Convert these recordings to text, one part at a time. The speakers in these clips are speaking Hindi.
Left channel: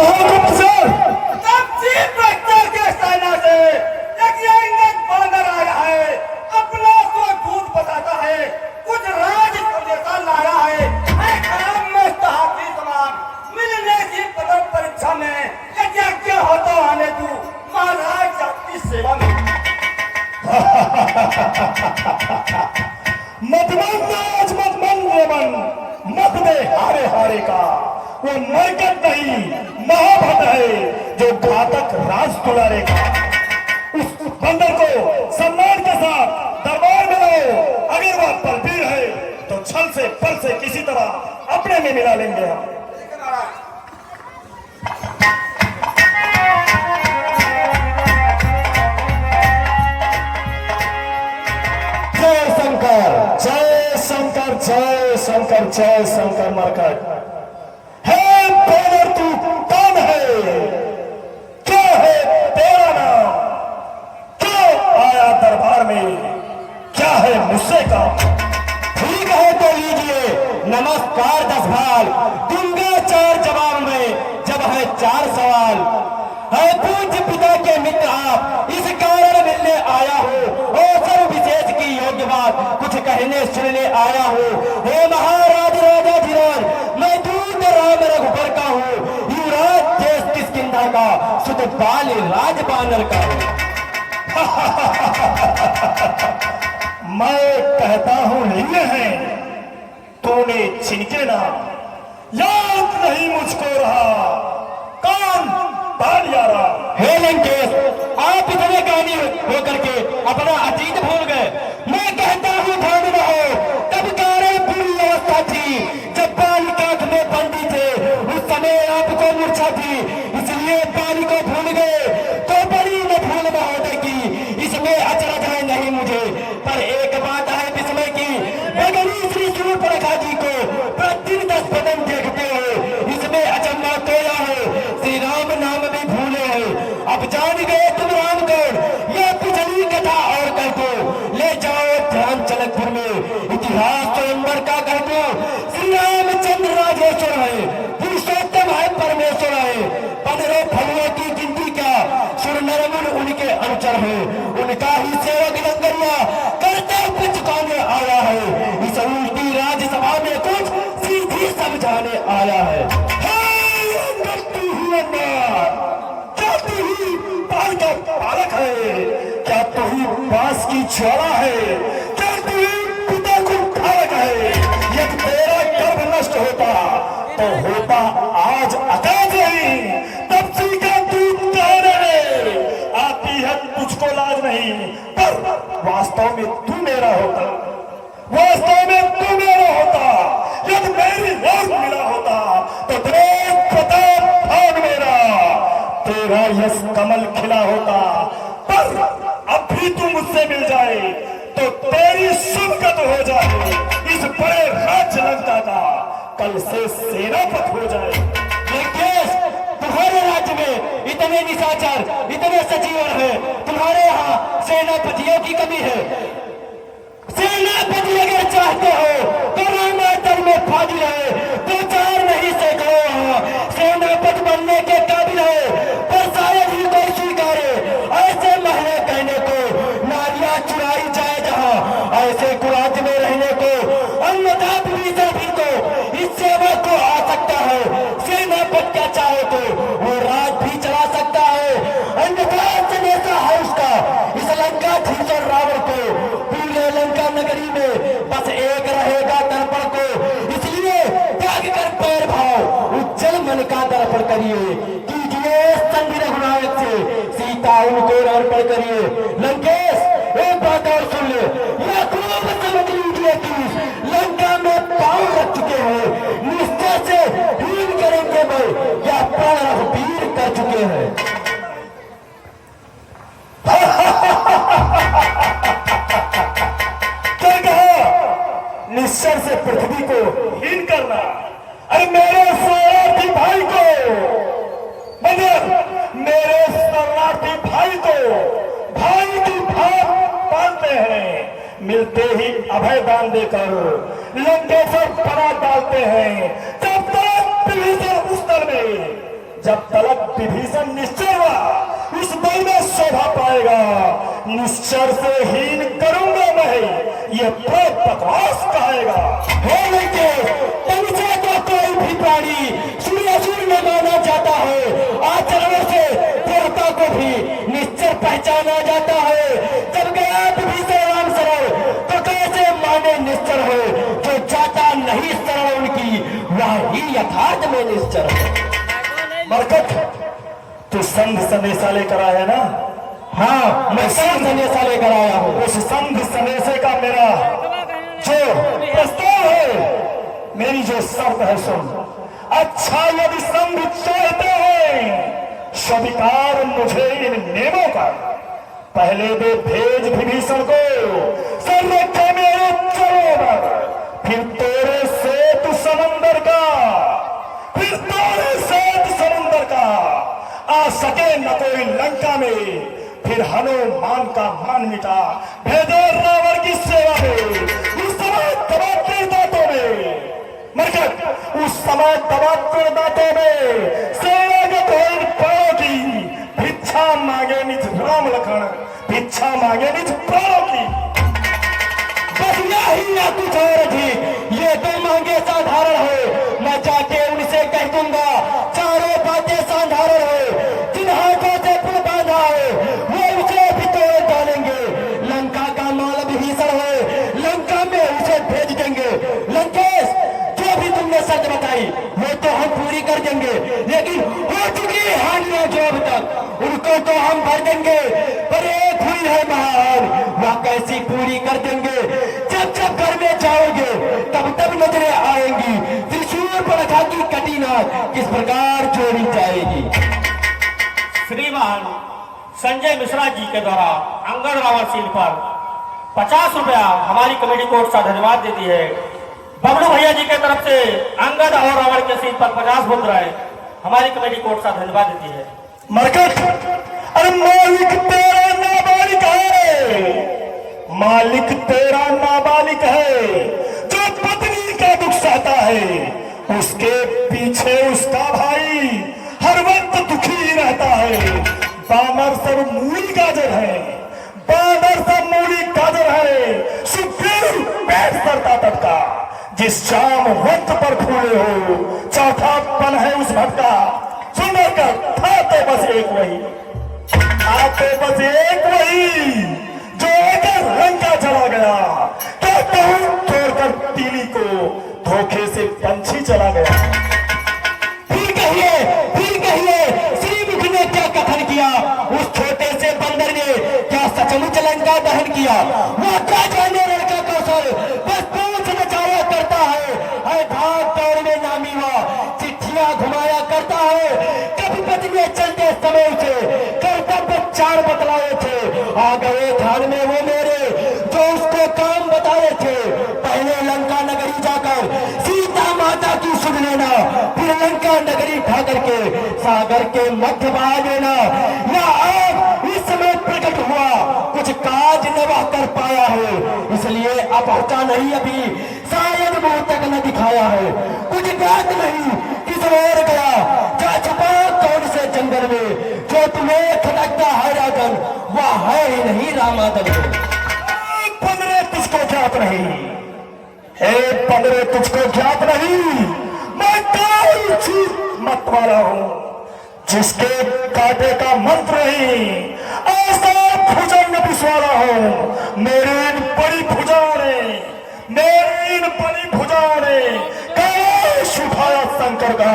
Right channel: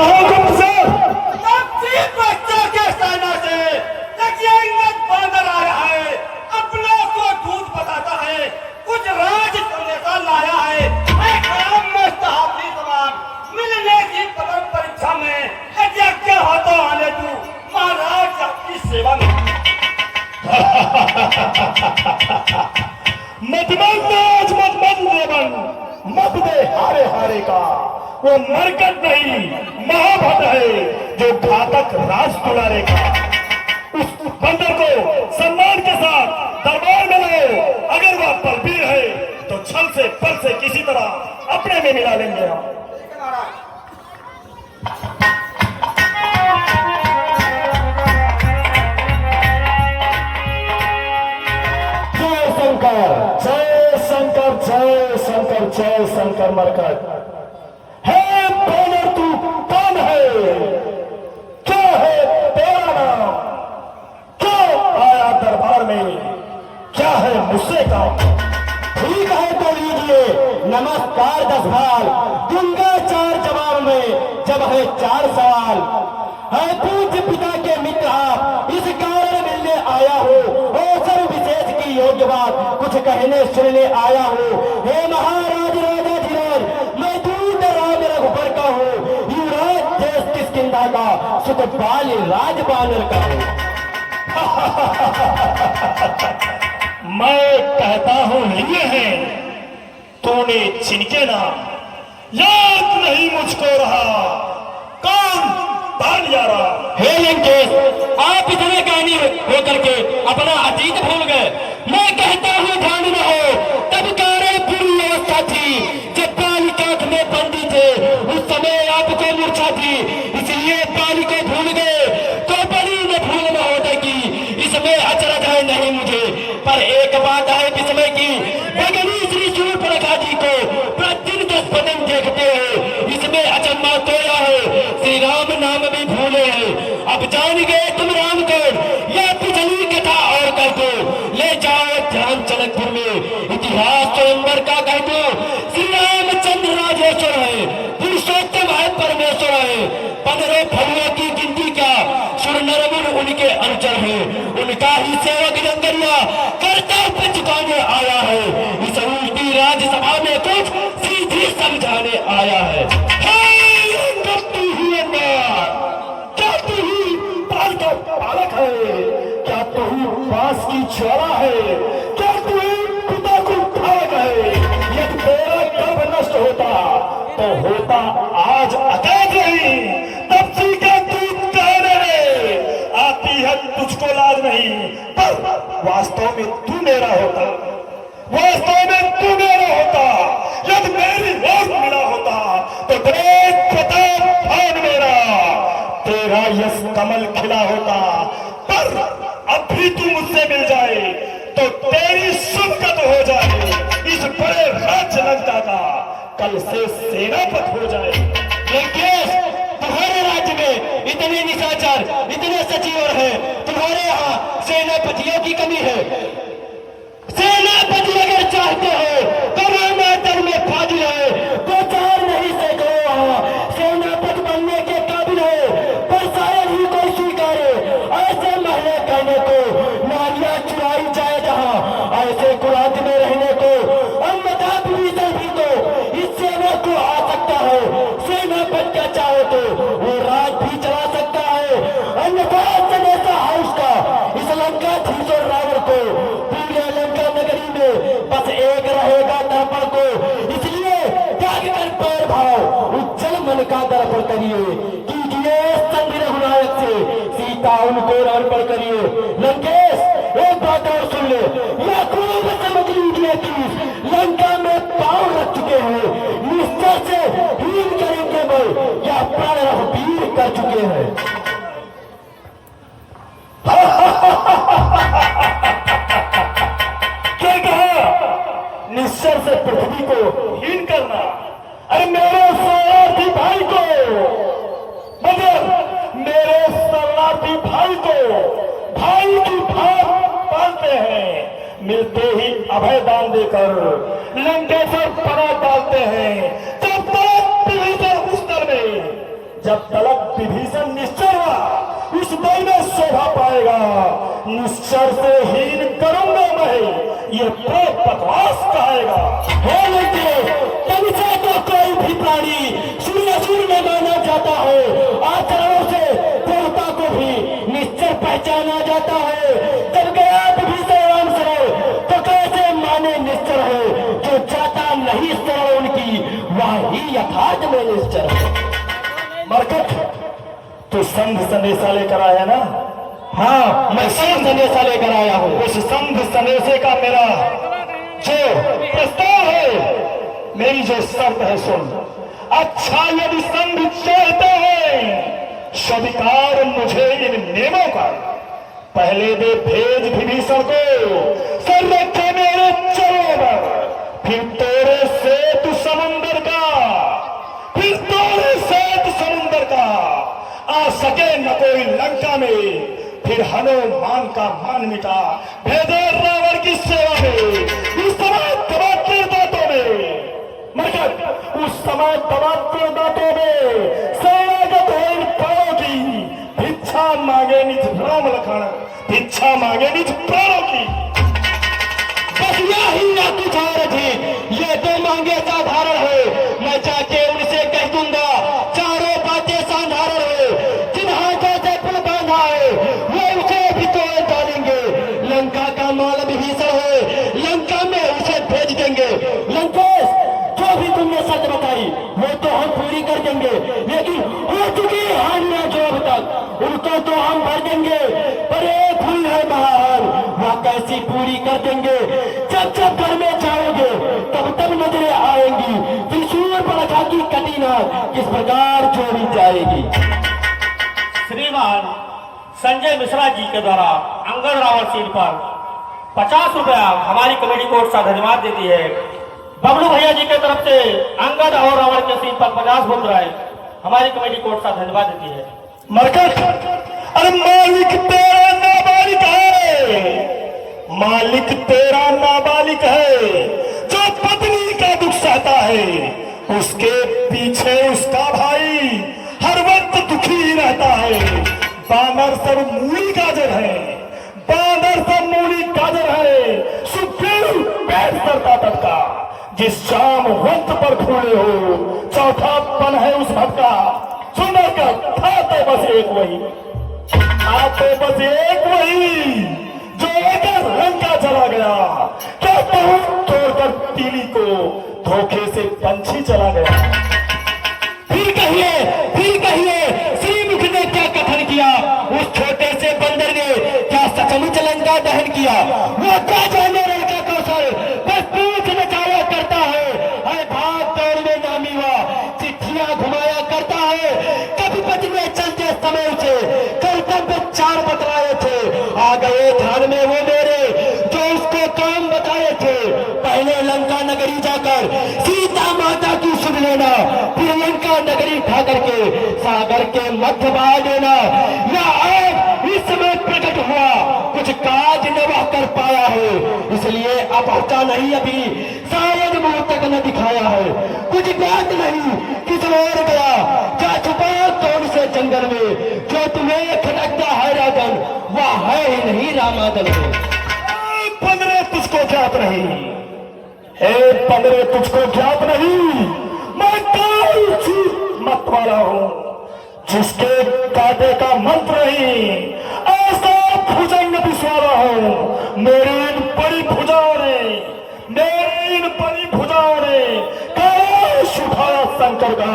कहो गुप्तचर। के सेना से एक इंग्रज बांदर आया है, अपनों को झूठ बताता है, कुछ राज संदेशा लाया है। मैं खराब मुस्तहाफी सवाल मिलने की कदर परीक्षा में क्या होता आने तू महाराज आपकी सेवा में। मत दे हारे हारे का, वो मरकत नहीं महाभट है जो घातक राज दुलारे का। उस बंदर को सम्मान के साथ दरबार में लाओ। अगर वह बलबीर है तो छल से बल से किसी तरह अपने में मिला लेंगे हम। जय शंकर जय शंकर जय शंकर जय शंकर मरकट। है बानर तू कौन है? क्या है तेरा नाम? क्यों आया दरबार में? क्या है मुझसे का? ठीक है तो लीजिए नमस्कार 10 बार दूंगा 4 जवाब में, जब है 4 सवाल। है पूज्य पिता के मित्र आप, इस कारण मिलने आया हो। अवसर विशेष की योग्य बात कुछ कहने सुनने आया हो। हे महाराज राजा धीराज, मैं दूत राम रघुबर का हूँ। युवराज देश किष्किंधा का, सुत बाल राज बानर का हूँ। मैं कहता हूँ ये है तूने छिनके ना, याद नहीं मुझको रहा कौन बाल यारा। हे लंकेश, आप इतने ज्ञानी होकर के अपना अतीत भूल गए। मैं कहता हूँ ध्यान रहो, तब कार्य पूरी अवस्था थी जब बाल काट में बंदी थे। उस समय आपको मूर्छा थी, इसलिए बाल को भूल गए। तो बड़ी न भूल महोदय की, इसमें अचरज है नहीं मुझे। पर एक बात है विस्मय की, भगनी श्री शूर्पणखा जी को प्रतिदिन 10 बदन देखते हैं, इसमें अचंभा तोया है। श्री राम नाम भी भूले हैं। अब जान गए तुम राम कौन, यह पिछली कथा और कह दो। ले जाओ ध्यान जनकपुर में, इतिहास स्वयंवर का कह दो। श्री रामचंद्र राजेश्वर है, पुरुषोत्तम है, परमेश्वर है। 15 फलों की गिनती क्या, सुर नरमुन उनके अनुचर है। उनका ही सेवक जंगलिया कर्तव्य चुकाने आया है। इस उल्टी राज्यसभा में कुछ सीधी समझाने आया है। क्या तू ही बाल का पालक है? क्या तू ही बांस की छौड़ा है? क्या तू ही पिता को भाग है? यदि तेरा गर्भ नष्ट होता तो होता आज अकाज नहीं, तब सीखा तू कहने रे। आती है तुझको लाज नहीं, पर वास्तव में तू मेरा होता। वास्तव में तू मेरा होता। यदि मेरी लाज मिला होता तो तेरे प्रताप भाग मेरा, तेरा यश कमल खिला होता। पर अब भी तू मुझसे मिल जाए तो तेरी सुनकत हो जाए। इस बड़े राज्य लगता था कल से सेनापत हो जाए। लंकेश, तुम्हारे राज्य में इतने निशाचर, इतने सचिवर हैं, तुम्हारे यहाँ सेनापतियों की कमी है। सेनापति अगर चाहते हो तो रामातर में फाजिल है, 2-4 नहीं सैकड़ों वहां सेनापति बनने के काबिल है। पर शायद ही कोई स्वीकारे ऐसे महले कहने को, नारियां चुराई जाए जहां ऐसे कुराज में रहने को। अन्यथा विभीषण भी तो इस सेवा को आ सकता है। सेनापति क्या चाहो तो वो राज भी चला सकता है। अन्यथा जनेता है उसका इस लंका धीश और रावण को। पूरे लंका नगरी में बस एक रहेगा दर्पण को, इसलिए त्याग कर पैर भाव उज्जवल मन का दर्पण करिए। कीजिए चंद्र रघुनायक से सीता उनको अर्पण करिए। लंकेश, एक बात और सुन ले, यह खूब समझ लीजिए कि लंका में पांव रख चुके हैं, निश्चय से हीन करेंगे मैं, या प्राण वीर कर चुके हैं। निश्चय से पृथ्वी को हीन करना। अरे मेरे शरणार्थी भाई को, मतलब मेरे शरणार्थी भाई को भाई की भाव पालते हैं। मिलते ही अभय दान देकर लंकेश्वर पना डालते हैं। तब तक विभीषण उस दर में जब तलक विभीषण निश्चय हुआ उस बल में शोभा पाएगा। निश्चर से हीन करूंगा मैं, ये प्रेत बकवास कहेगा। पंचा का कोई भी प्राणी सूर्यासुर में माना जाता है, आचरणों से देवता को भी निश्चय पहचाना जाता है। जब गया विभीषण से तो कैसे माने निश्चर है, जो जाता नहीं शरण उनकी वही यथार्थ में निश्चर है। मरकट, तू संघ संदेशा लेकर आया ना? हाँ, मैं संघ संदेशा लेकर आया हूँ। उस संघ संदेशे का मेरा जो प्रस्ताव है, मेरी जो शर्त है सुन। अच्छा यदि संघ चाहते हैं स्वीकार मुझे इन नियमों का। पहले दे भेज विभीषण को संरक्षा मेरे चरों, फिर तोड़े सेतु समुंदर का, फिर तोड़े सेतु समुंदर का। आ सके न कोई लंका में, फिर हनुमान का मान मिटा। भेजे रावण की सेवा में, उस समय तबादले दांतों में। मरकट, उस समय तबादले दांतों में सेनागत होए प्राणों की भिक्षा मांगे निज राम लखन, भिक्षा मांगे निज प्राणों की। बस यही ना कुछ और थी, ये दो मांगे साधारण है। मैं जाके उनसे कह दूंगा चारों बातें साधारण है। जिन हाथों से तू बांधा है वो उसे भी तोड़ डालेंगे। लंका का माल विभीषण है, लंका में उसे भेज देंगे। लंकेश, जो भी तुमने शर्त बताई वो तो हम पूरी कर देंगे, लेकिन हो चुकी हानियां जो अब तक उनको तो हम भर देंगे। पर एक हुई है महान, वह कैसी पूरी कर देंगे। जब जब घर में जाओगे तब तब नजरें आएंगी त्रिशूल प्रथा की कटिना किस प्रकार जोड़ी जाएगी। श्रीमान संजय मिश्रा जी के द्वारा अंगद रावण सीट पर 50 रुपया हमारी कमेटी को उत्साह धन्यवाद देती है। बबलू भैया जी के तरफ से अंगद और रावण के सीट पर 50 मुद्राएं हमारी कमेटी को उत्साह धन्यवाद देती है। मरकट, अरे मालिक तेरा नाबालिग है, मालिक तेरा नाबालिग है। जो पत्नी का दुख सहता है उसके पीछे उसका भाई हर वक्त दुखी रहता है। बानर सब मूली गाजर है, बानर सब मूली गाजर है। सुखदेव पेट करता टटका, जिस शाम वक्त पर फूले हो चौथा पन है उस भटका। सुनर का खाते बस एक वही, खाते बस एक वही जो अगर लंका चला गया। कहता हूं छोड़कर तीली को धोखे से पंछी चला गया। फिर कहिए श्रीमुख ने क्या कथन किया, उस छोटे से बंदर ने क्या सचमुच लंका दहन किया। वो क्या जाने लड़का कौशल, बस पूछ नचाया करता है। भाग दौड़ में नामी हुआ, चिट्ठियां घुमाया करता है। कभी पति में चलते समय उसे कर्तव्य 4 बतलाए थे, आ गए ध्यान में वो मेरे जो इसको काम बताए थे। पहले लंका नगरी जाकर सीता माता की सुन लेना, फिर लंका नगरी ढा करके सागर के मध्य बहा देना। या आप इस समय प्रकट हुआ कुछ काज न वह कर पाया है, इसलिए अब होता नहीं अभी शायद मुंह तक न दिखाया है। कुछ बात नहीं किस और गया, जा छुपा कौन से जंगल में। जो तुम्हें खटकता है राजन वह है ही नहीं रामादन में। पंद्रह तुझको ज्ञात नहीं, हे पंद्रह तुझको ज्ञात नहीं। मैं काल मत वाला हूं, जिसके कांटे का मंत्र नहीं। ऐसा भुजंग विश्वाला हूं। मेरी इन बड़ी भुजाओं ने, मेरी इन बड़ी भुजाओं ने कैलाश उठाया शंकर का।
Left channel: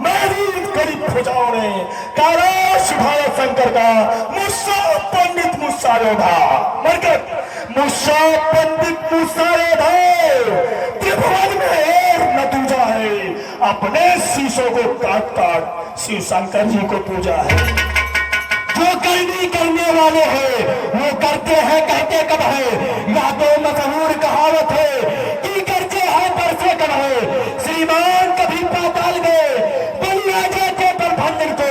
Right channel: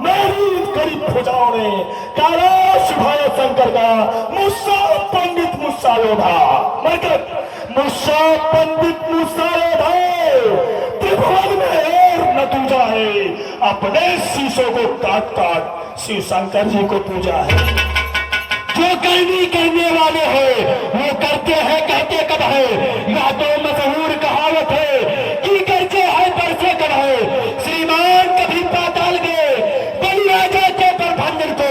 मेरी इन गरीब भुजाओं ने कैलाश उठाया शंकर का। मुस्सा पंडित मुस्सा योधा, मुस्सा पंडित मुस्सा योधा त्रिभुवन में और न दूजा है। अपने शीशों को काट काट शिव शंकर जी को पूजा है। जो करने वाले हैं वो करते हैं, कहते कब है। या तो मशहूर कहावत है कि करते हैं बरसे कब है। श्रीमान कभी पाताल गए बलिया जाते पर भंडर को,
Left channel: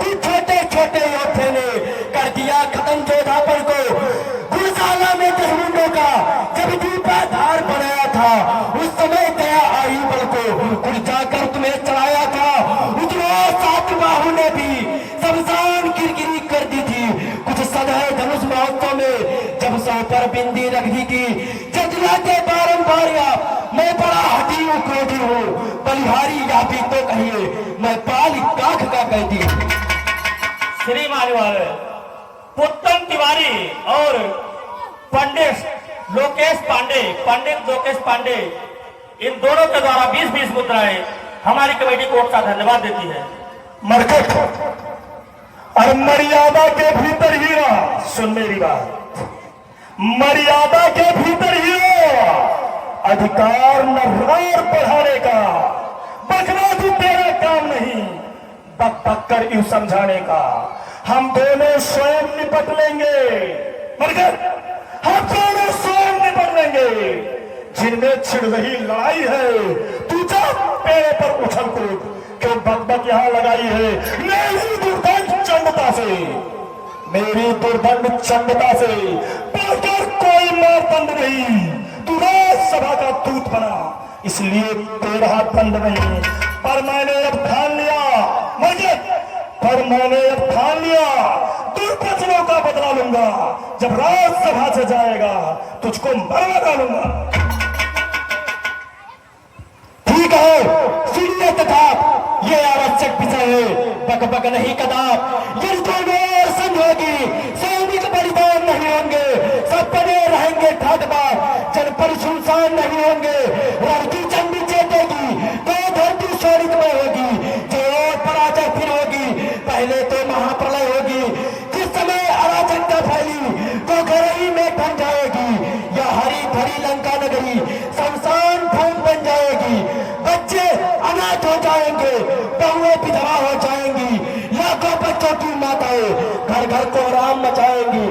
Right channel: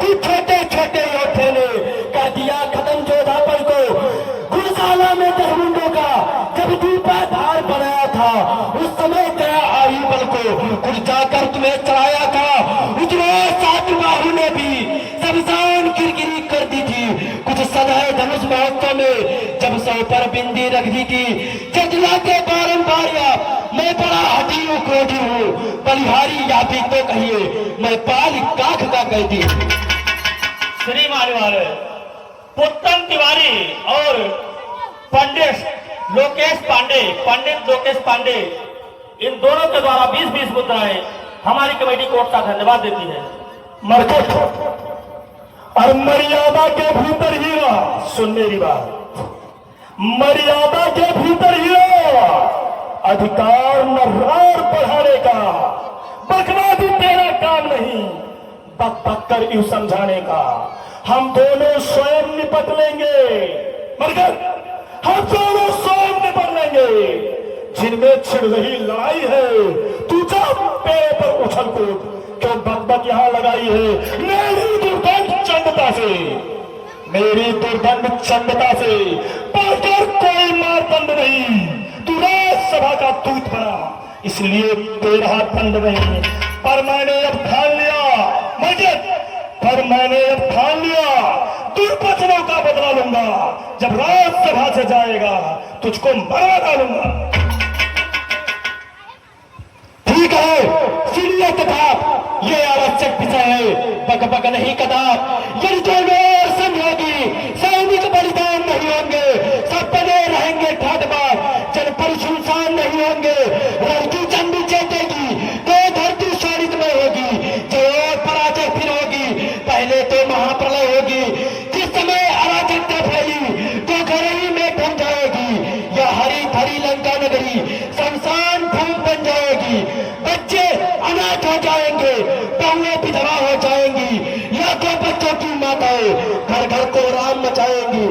कुछ छोटे छोटे योद्धे ने कर दिया खत्म जोधापुर को। गुरुशाला में 10 मुंडों का जब दीपाधार बनाया था, उस समय गया आही बल को कुछ जाकर तुम्हें चढ़ाया था। उतना साथ पाल काख का कैदी हूं। श्री मान्यवर पुत्तन तिवारी और पंडित लोकेश पांडे इन दोनों के द्वारा 20-20 मुद्राएं हमारी कमेटी कोर्ट का धन्यवाद देती है। मरकट और मर्यादा के भीतर ही रहा। सुन मेरी बात, मर्यादा के भीतर ही रहा। अधिकार न और बढ़ाने का, बकना भी तेरा काम नहीं, बक बक कर यूं समझाने का। हम दोनों स्वयं निपट लेंगे मरकट, हम दोनों स्वयं निपट लेंगे। जिनमें छिड़ रही लड़ाई है तू जा पेड़ों पर उछल कूद, क्यों बकबक यहां लगाई है मेरी दुर्दंड चंडता से, मेरी दुर्दंड चंडता से पाकर कोई मारदंड नहीं। तू राज्यसभा का दूत बना, इसलिए तेरा दंड नहीं। पर मैंने अब ठान लिया मरकट, पर मैंने अब ठान लिया दुर्वचनों का बदला लूंगा। जब राज्यसभा से जाएगा तुझको मार डालूंगा। ठीक है, सुनिए कताब, ये आवश्यक विषय है, बक बक नहीं कताब। यदि दोनों समझोगी सैनिक बलिदान नहीं होंगे, सब बने रहेंगे ठाटबाज, जनपद सुनसान नहीं होंगे। लड़की चंडी जीतेगी तो धरती शोरित में होगी, जो पराजय फिर होगी। पहले तो महाप्रलय होगी, जिस समय अराजकता फैली तो घरई में बन जाएगी। या हरी भरी लंका नगरी शमशान भूमि बन जाएगी। बच्चे अनाथ हो जाएंगे, बहुएं विधवा हो जाएंगी, लाखों बच्चों की माताएं घर घर को राम मचाएंगी।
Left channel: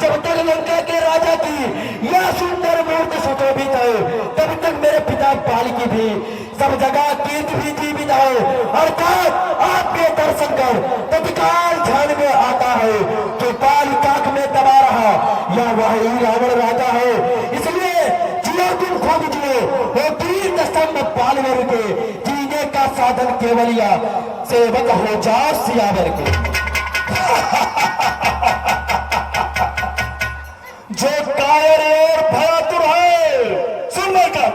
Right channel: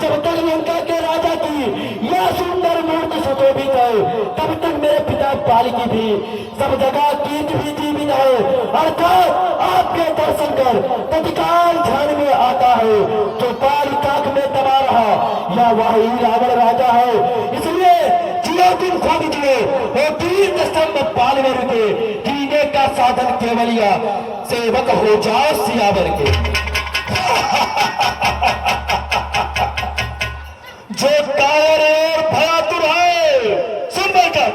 जब तक लंका के राजा की यह सुंदर मूर्ति सुशोभित है, तब तक मेरे पिता पाल की भी सब जगह कीर्ति भी जीवित है। अर्थात आपके दर्शन कर तत्काल ध्यान में आता है कि पाल काक में दबा रहा या वही रावण राजा है। इसलिए जियो तुम खूब जिए, वो तीर स्तंभ पाल में रुके, जीने का साधन केवल या सेवक हो जाओ सियावर के। जो कायर और भयातुर है, सुनकर कर,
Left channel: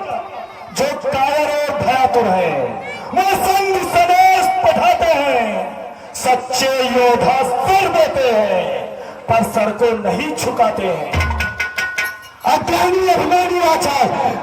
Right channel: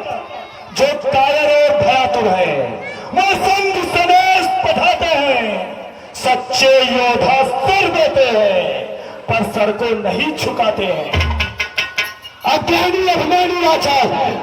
जो कायर और भयातुर है वो संग सनेश पठाते हैं। सच्चे योद्धा सिर देते हैं पर सर को नहीं झुकाते हैं। अज्ञानी अभिमानी वाचा,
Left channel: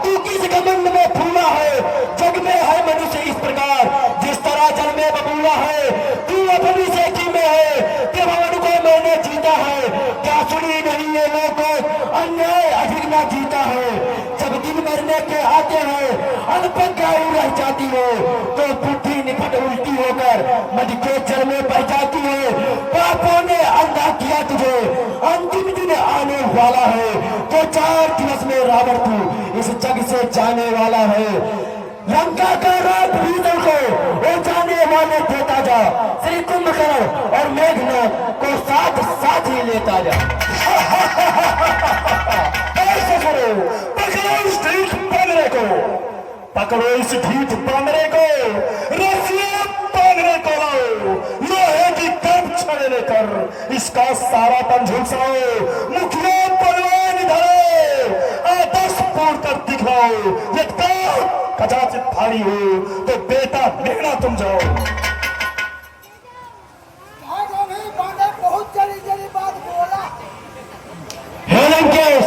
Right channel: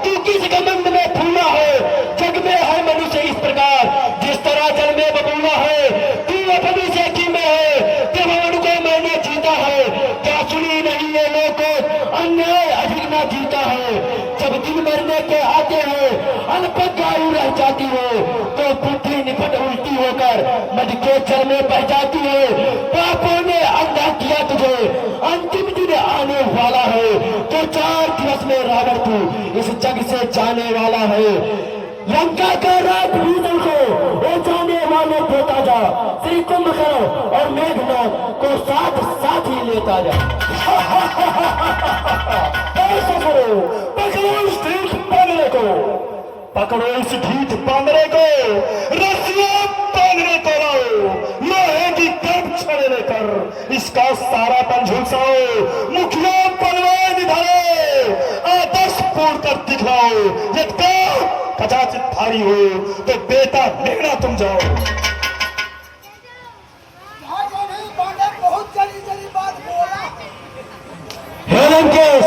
तू किस घमंड में फूला है? जग में है मनुष्य इस प्रकार, जिस तरह जल में बबूला है। तू अपनी सेठी में है, प्रमाण को मैंने जीता है। क्या सुनी नहीं है लोगों, अन्याय अधिक न जीता है। जब दिन मरने के आते हैं अल्पज्ञ आयु रह जाती है, तो बुद्धि निपट उल्टी होकर मध के जल में बह जाती है। पापों ने अंधा किया तुझे, अंतिम दिन आने वाला है, तो 4 दिवस में रावण तू इस जग से जाने वाला है। लंका का रात भीतर को वो जाने वाले देता जा, श्री कुंभकर्ण और मेघनाथ को साथ साथ ही लेता जा। ऐसे करो, पकड़ो इस ढीठ बांधने को, पकड़ो इस ढीठ बांधने को, रस्सियां बांधने को लाओ। यह है कि कर्म छड़े लेकर इसका सारा पन झुलसाओ। मुखिया पलवान धरो, आदर्श पूर्ण कर दिखलाओ। यदि कदाचित भारी हो तो बेटा मेरा तुम जाओ। बहुत जल्दी जल्दी बात बोला। हे लंकेश,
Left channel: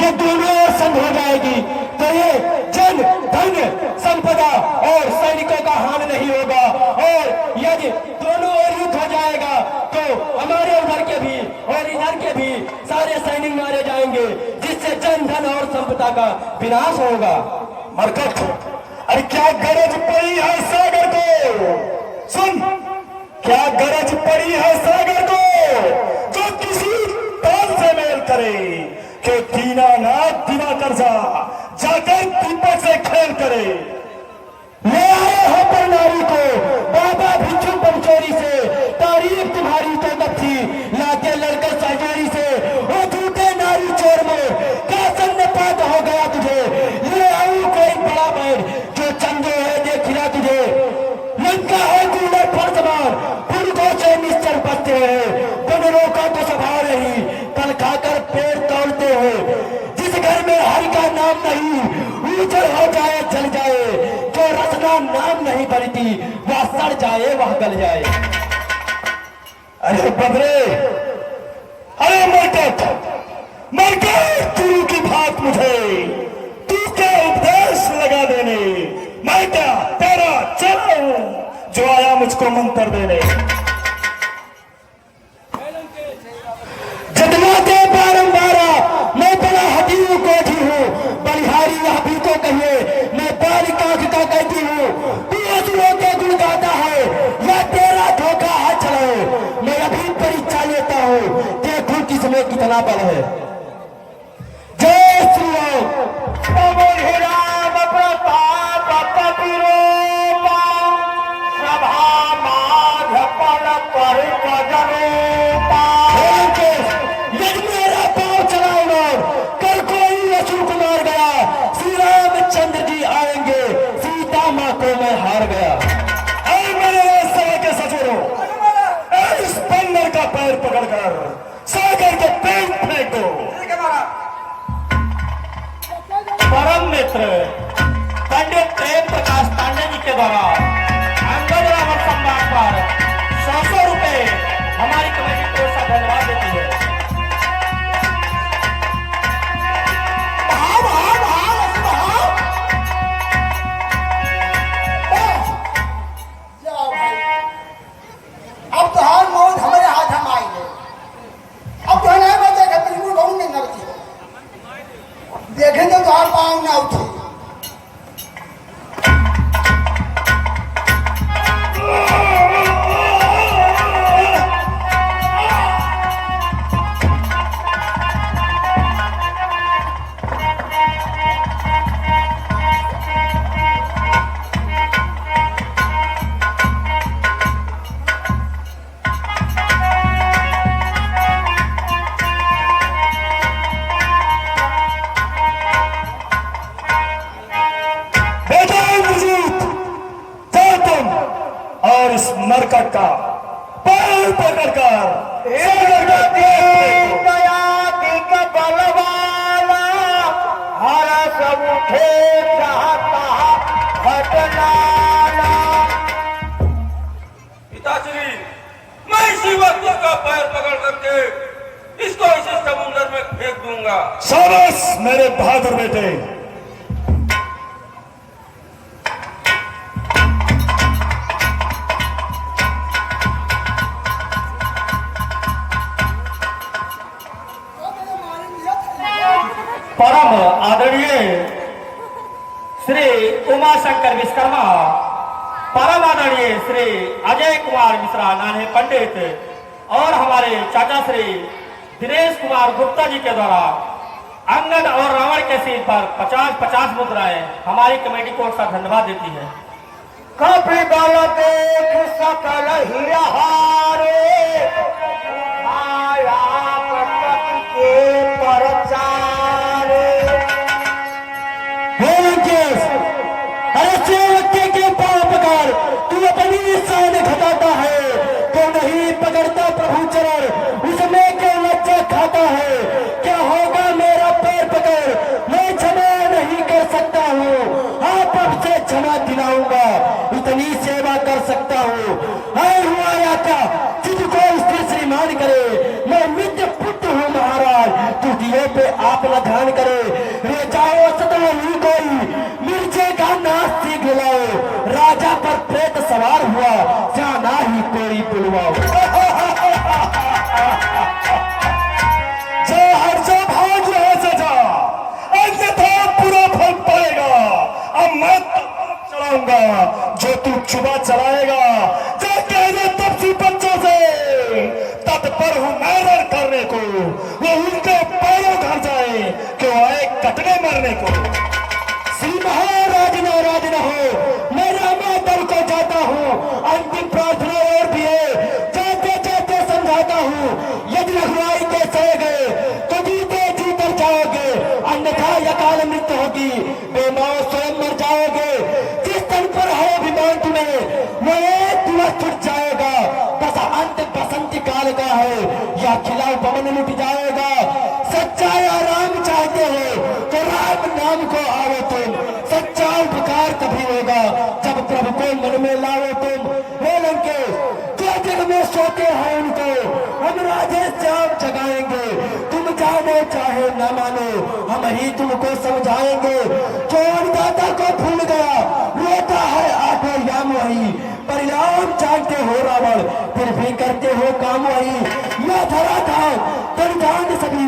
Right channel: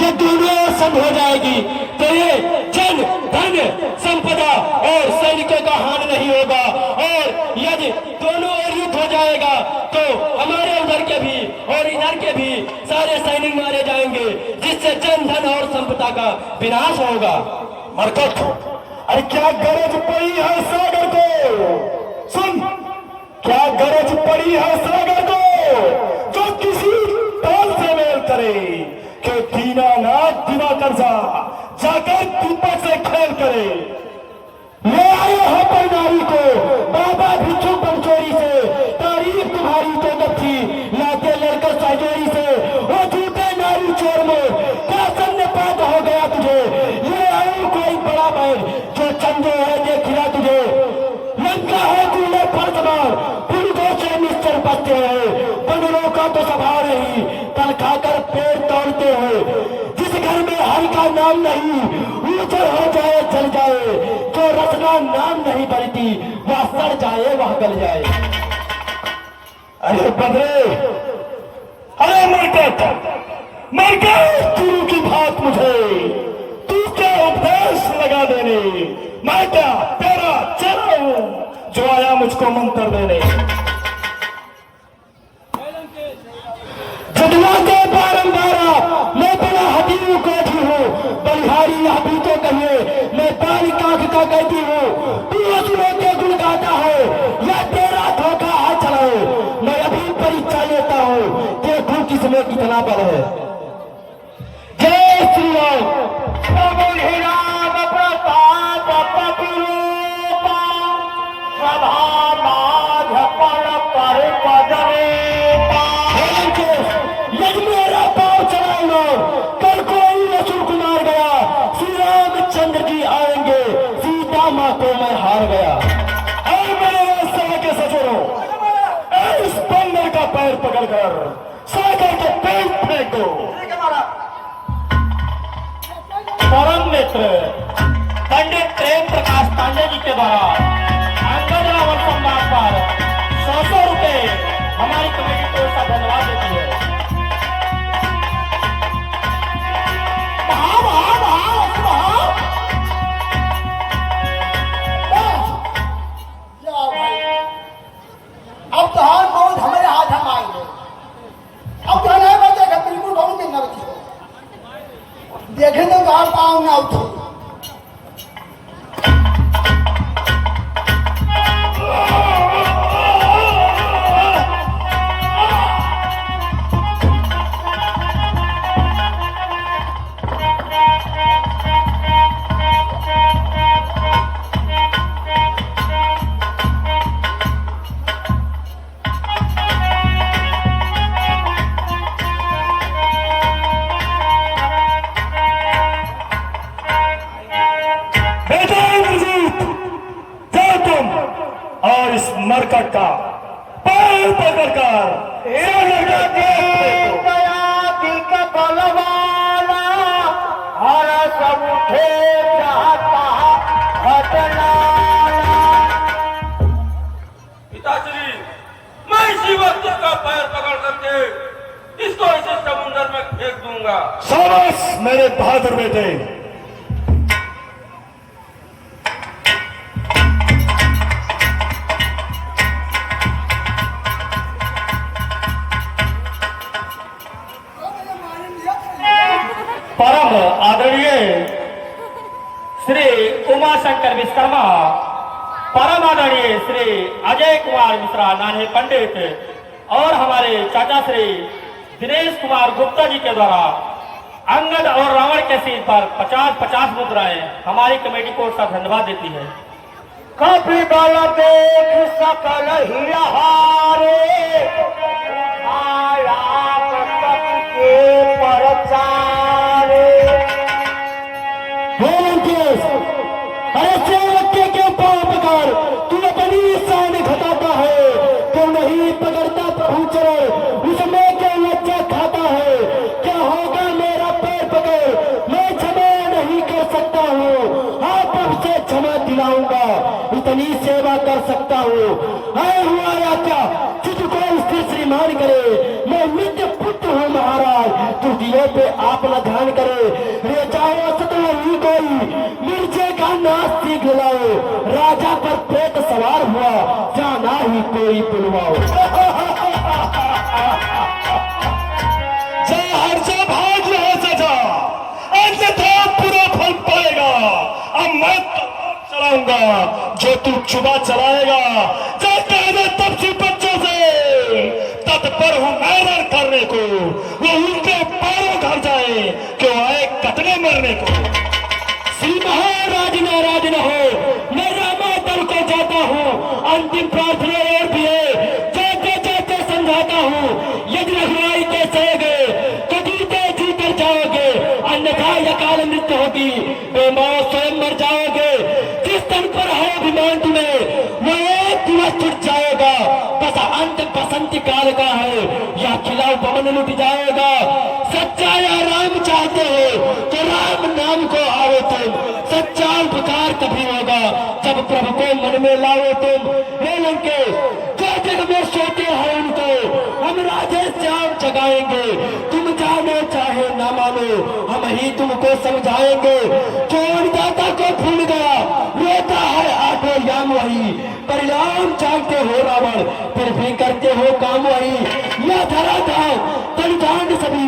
ये दुनिया सब हो जाएगी तो ये जन धन संपदा और सैनिकों का हानि नहीं होगा। और यदि दोनों ओर युद्ध हो जाएगा तो हमारे उधर के भी और इधर के भी सारे सैनिक मारे जाएंगे, जिससे जन धन और संपदा का विनाश होगा। मरकट, अरे क्या गरज पड़ी है सागर को? सुन, क्या गरज पड़ी है सागर को जो किसी काल से मेल करे कि दीनानाथ बिना कर्जा जाकर दीपक से खेल करे। ले आए हो पर नारी को बाबा भिक्षु बमचोरी से, तारीफ तुम्हारी तो बच्ची लाके लड़कर सहजोरी से। वो झूठे नारी चोर में क्या सन्नपात हो गया तुझे? ले आए कोई बड़ा बैग जो चंदो है दे खिला तुझे। लंका है तूने फर्जबार, पुरुषों से निश्चल बचते रहे, बंदरों का तो सवार नहीं, कल खाकर पेड़ तोड़ते हुए। जिस घर में हरि का नाम नहीं, ऊंचर हो जाए चल जाए, जो रचना नाम नहीं बनती वह सड़ जाए गल जाए। अरे बदरे, अरे मरकट गुरु की बात मुझे, तू क्या उपदेश लगा देने, मैं क्या तेरा चेला हूं जो आया मुझको मंत्र देने। जदवा के बारंबारा मैं बड़ा हटीऊ कोठी हूँ, बलिहारी आप ही तो कहिए मैं बालिका को कहती हूँ। तू असुरों के गुण गाता है या तेरा धोखा है चलाओ, मैं अभी परीक्षा लेता हूँ देखूं किसमें कितना बल है। जय श्री राम। मेरा पाँव चलाऊंगा, कल कोई रसूल कुमार गया, श्री रामचंद्र जी आएंगे, सीता माँ को मैं हार गया। मेरे सभा के सचोरो, इस बंदर का पैर पकड़कर सागर के पेट फेंक दो। परम मित्र पंडित प्रेम प्रकाश पांडे जी के द्वारा अंगद रावण सम्मान पर 100 रुपए हमारी कमेटी को ओर से धन्यवाद देती है। अब तो हार मौत हमारे हाथ हम आएंगे। अब तो नहीं बचेगा, बिल्कुल बहु में न बचेगा। देखेंगे तो हार पाऊँ ना उठो। और इस मरकट का पैर पकड़कर पिताश्री, मैं इसी व्यक्ति का पैर पकड़ करके इसको इसी समुद्र में फेंक दूंगा। शाबाश मेरे बहादुर बेटे। परम आदरणीय श्री उमा शंकर विश्वकर्मा, परम आदरणीय श्री अजय कुमार मिश्रा नान्हे पंडित और हमारे चाचा श्री दिनेश कुमार गुप्ता जी के द्वारा अंगद और रावण के सिर पर 50-50 मुद्राएं हमारी कमेटी को ओर से धन्यवाद देती है। काफी बल देख सकल हिरहारे, आया प्रकट के परचारे। ऐसे व्यक्ति के पांव पकड़ तू अपनी शान घटाता है, तो नहीं पकड़ता प्रभु चरण उसमें क्यों लज्जा खाता है। क्या होगा मेरा पैर पकड़, मैं क्षमा नहीं कर सकता हूँ, आप आपसे क्षमा दिलाऊंगा, इतनी सेवा कर सकता हूँ। है हुआ या क्या तुझको स्थिर श्रीमान करे, मैं मित्र पुत्र हूँ महाराज, तू दिए पे आप न ध्यान करे। रे जाओ सतल ही गई मिर्जे का नाच सीख लाओ, राजा पर प्रेत सवार हुआ जाना ही कोई बुलवाओ। भाग रहे सजा, अन्यथा बुरा फल पाएगा। अब मैं चलाऊंगा जो तू चुबा चलाएगा, जाते हैं तब से बच्चों से तत्पर हूं मैदान करने को, वो उनके पैरों घर जाए क्यों आए कतले मरने को। श्री महाराज नाराज न हो, मैं रामा दल को जाता हूँ, अंतिम प्रार्थना और भी है, जाते जाते समझाता हूँ, यदि रखवाई के सहेगे तो जीते जी कर जाओगे, अन्यथा यकाल मृत्यु होगी, बेमौत स्वयं मर जाओगे। जिस तन पर है अभिमान तुम्हें वो एक दिवस छुट जाएगा, बस अंत बसंत काल का है, या खिलाफ पवन लुट जाएगा। सच्चा या राम चाहते हो तो राम नाम को आओ तुम, सच्चा उपकार तभी होगा जब प्रभु को मन में लाओ तुम। हे लंके सोते हैं उनको हम राधे श्याम जगाएंगे। तुम जानो चाहे न मानो हम ही तुमको समझाएंगे। चोर दाता को भूल गया रोता है आठों याम वही, परिणाम जानते हो रावण फिर भी करते हो काम वही। यह धरा था बलिदान सभी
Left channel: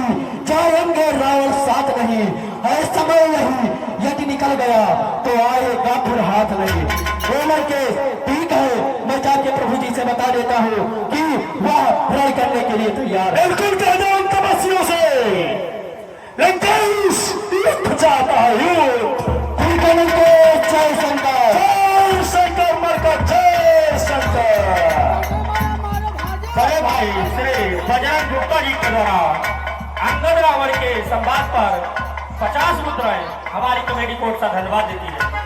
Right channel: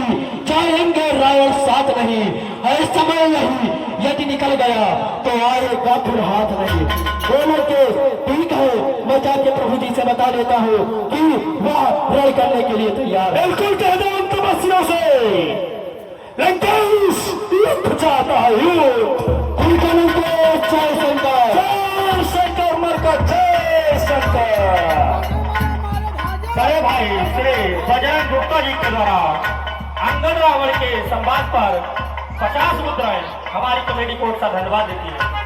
जाएंगे रावण साथ नहीं, है समय नहीं यदि निकल गया तो आएगा फिर हाथ नहीं। बोलो के ठीक है, मैं जाके प्रभु जी से बता देता हूँ कि वह रण करने के लिए तैयार है। बिल्कुल कह दो उनके बस्तियों से लंकेश युद्ध चाहता है युद्ध। ठीक है लंकेश, जय शंकर मरकर जय शंकर। बड़े भाई श्री बजरंग गुप्ता जी के द्वारा अंगद रावण के संवाद पर 50 मुद्राएं हमारी कमेटी को धन्यवाद देती है।